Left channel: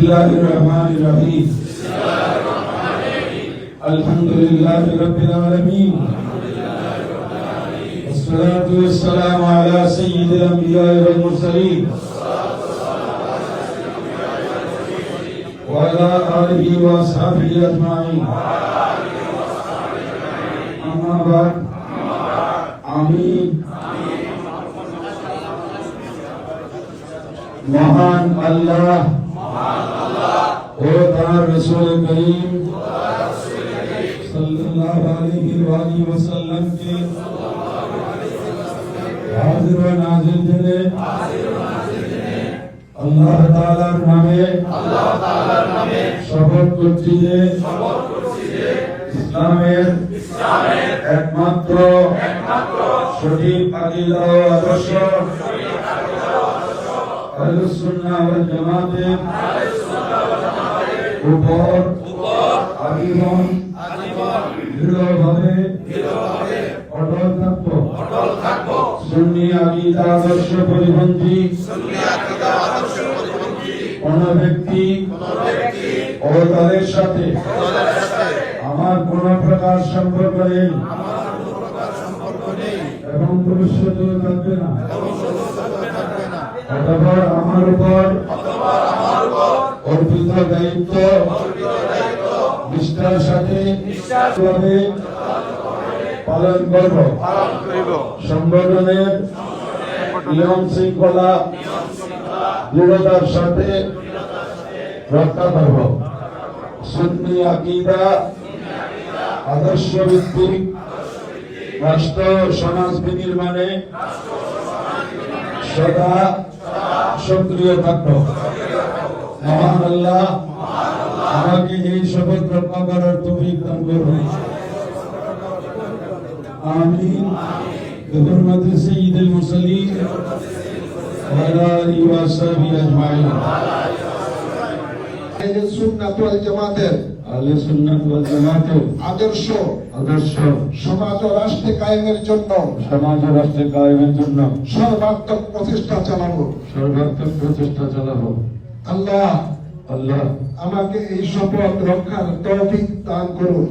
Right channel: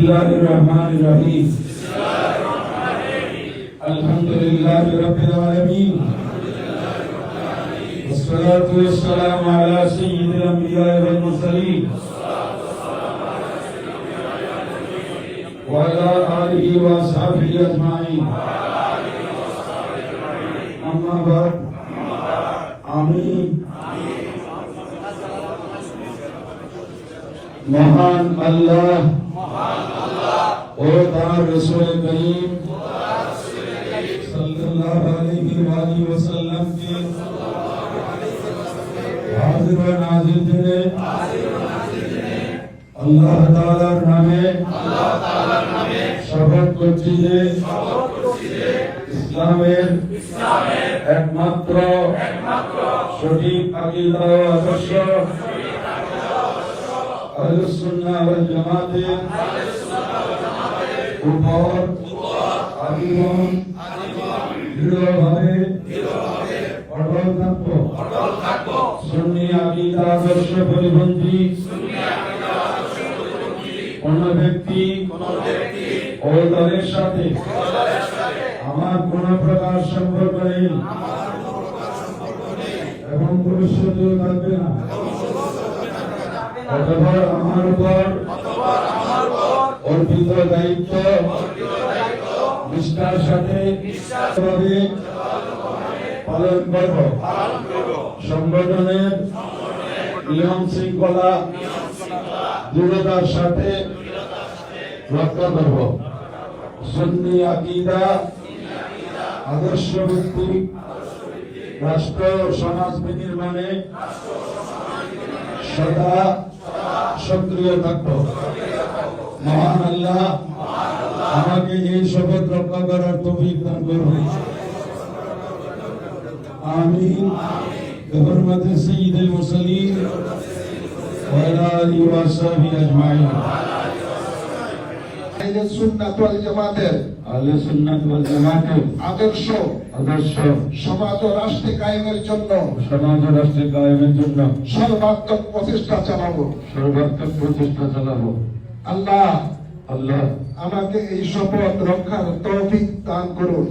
बिस्मिल्लाहिर रहमानिर रहीम अल्हम्दुलिल्लाहि रब्बिल आलमीन वस्सलातु वस्सलामु अला सय्यिदिल अंबिया'i वल मुरसलीन व अला आलिहि व अस्हाबिहि अजमाइन अम्मा बाद आमीन। महान अल्लाह और तार रसूल करीम सल्लल्लाहु अलैहि वसल्लम के हाजिर व नाजिर दिने अल्लाह ताआलार नामे शपथ করছি যে ইসলামের একমাত্র সঠিক আকীদা ও আদর্শ আহলুস সুন্নাহ ওয়াল জামাতের উপর আজীবন দৃঢ়ভাবে অটল থাকব। সুন্নি আকীদা আদর্শ পরিপন্থী কোন ব্যক্তি ও দলের সাথে আমার কোন প্রকার সম্পর্ক নেই এবং ভবিষ্যতেও থাকবে না। অতঃপর আমার উপর অর্পিত দায়িত্ব নিষ্ঠার সাথে পালন করব। সংগঠনের নিয়ম শৃঙ্খলা দৃঢ়তার সাথে রক্ষা করব। সুন্নি আকীদা আদর্শ ভিত্তিক রাষ্ট্র সমাজ বিনির্মাণে সদা সক্রিয় থাকব। মহান আল্লাহ আমাকে এই শপথ রক্ষা করার তৌফিক দান করুন। আমিন। বিহুরমাতি সাইয়্যিদুল মুরসালিন ওয়া আলা আলিহি ওয়া সাহবিহি আজমাইন। আহলুস সুন্নাত ওয়াল জামাতের আদর্শ সমাজ ও রাষ্ট্র কায়েমের জন্য সর্বাত্মক প্রচেষ্টা চালাবো। আল্লাহ আমাকে এই শপথ রক্ষার তৌফিক দান করুন।